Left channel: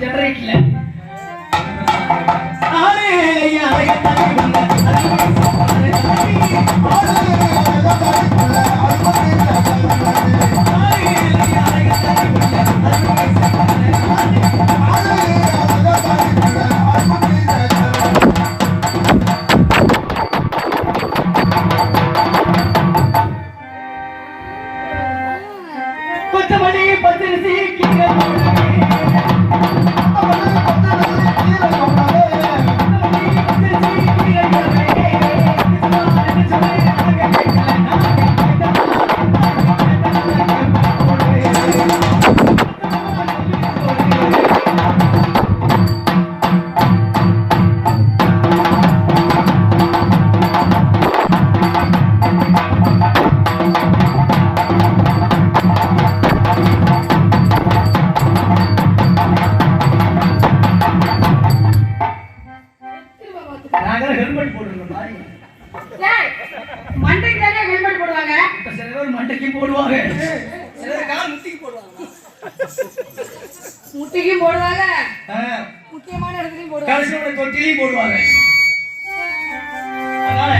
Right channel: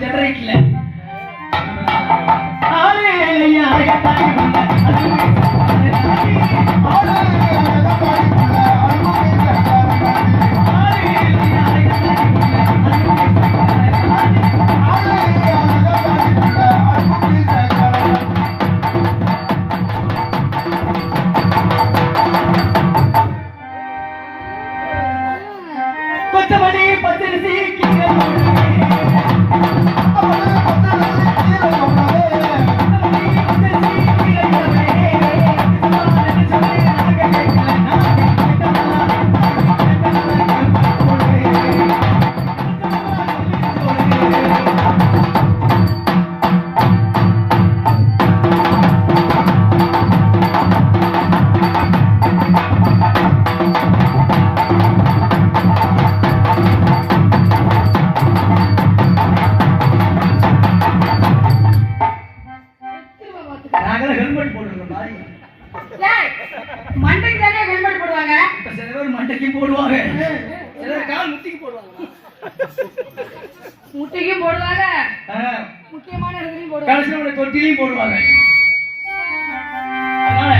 ஜெனரேட்டர்ல முட்டைக்கு போடுவாங்க, முக்கியமான இடத்துலயும் போடுவாங்க, கடைசியோட தொட்டிலையும் போடுவாங்க. அதனால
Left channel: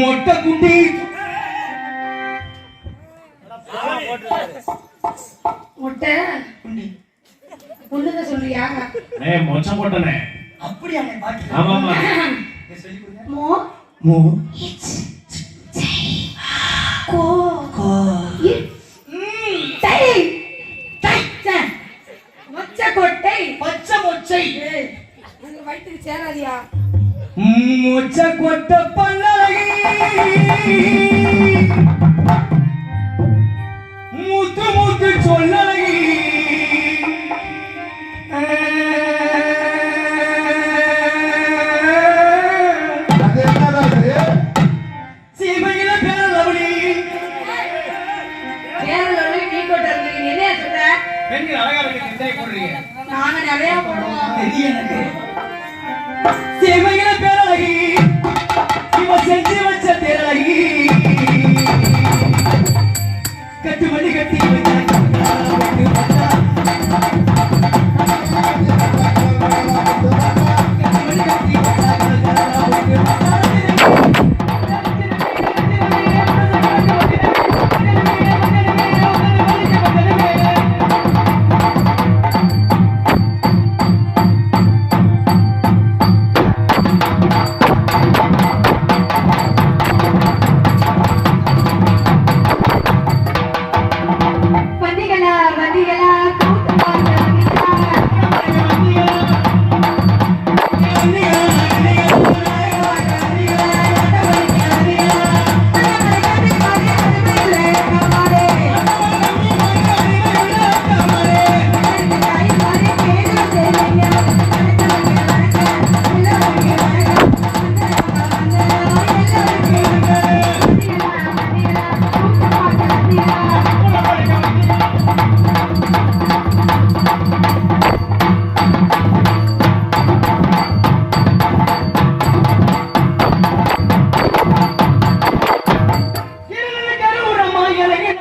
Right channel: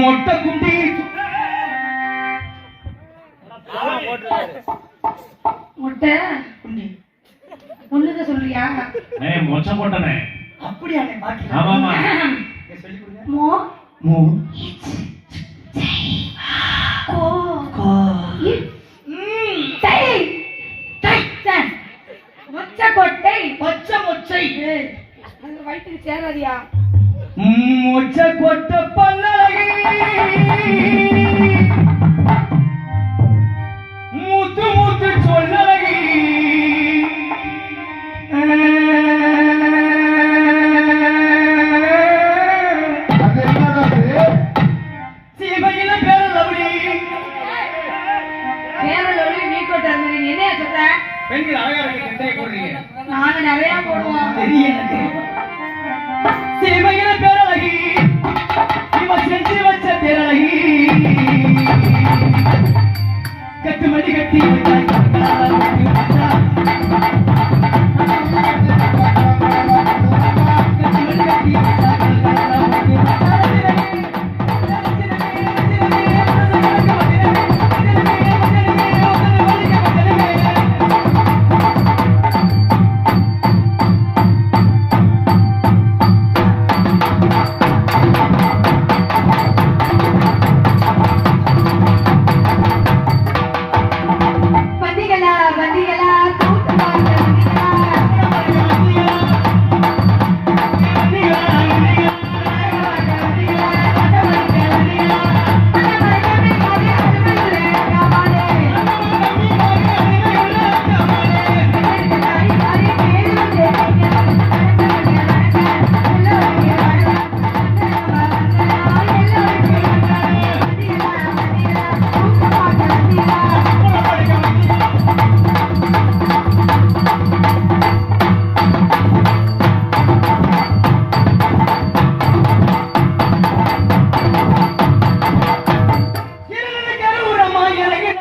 மொட்டை குட்டி முட்டை குண்டி ஒண்ணுங்க சொல்றியா? மொச்சை போட்டனே அப்படியா? பாக்கி ஆமாமா சொல்லி கொடுங்க. மோ மோ கோ கோ மொச்சை வயிற்றுக்கு சேராதியா? மொச்சை கொட்ட பல்லகி மூத்து மூத்து சொல்லகி சீமையில பேரலவுடி பேரலவுடி நீ கொட்ட நீங்க என்ன சொல்ற? பெண்கள் அழகா இருக்கு, எத்தனை போடுறீங்க? நாங்க நிறைய போடுவோம் தெரியும் எனக்கு. சேவையில பேரழகி இவ செஞ்சு வச்ச பேரழகி கட்டு மணி கட்டி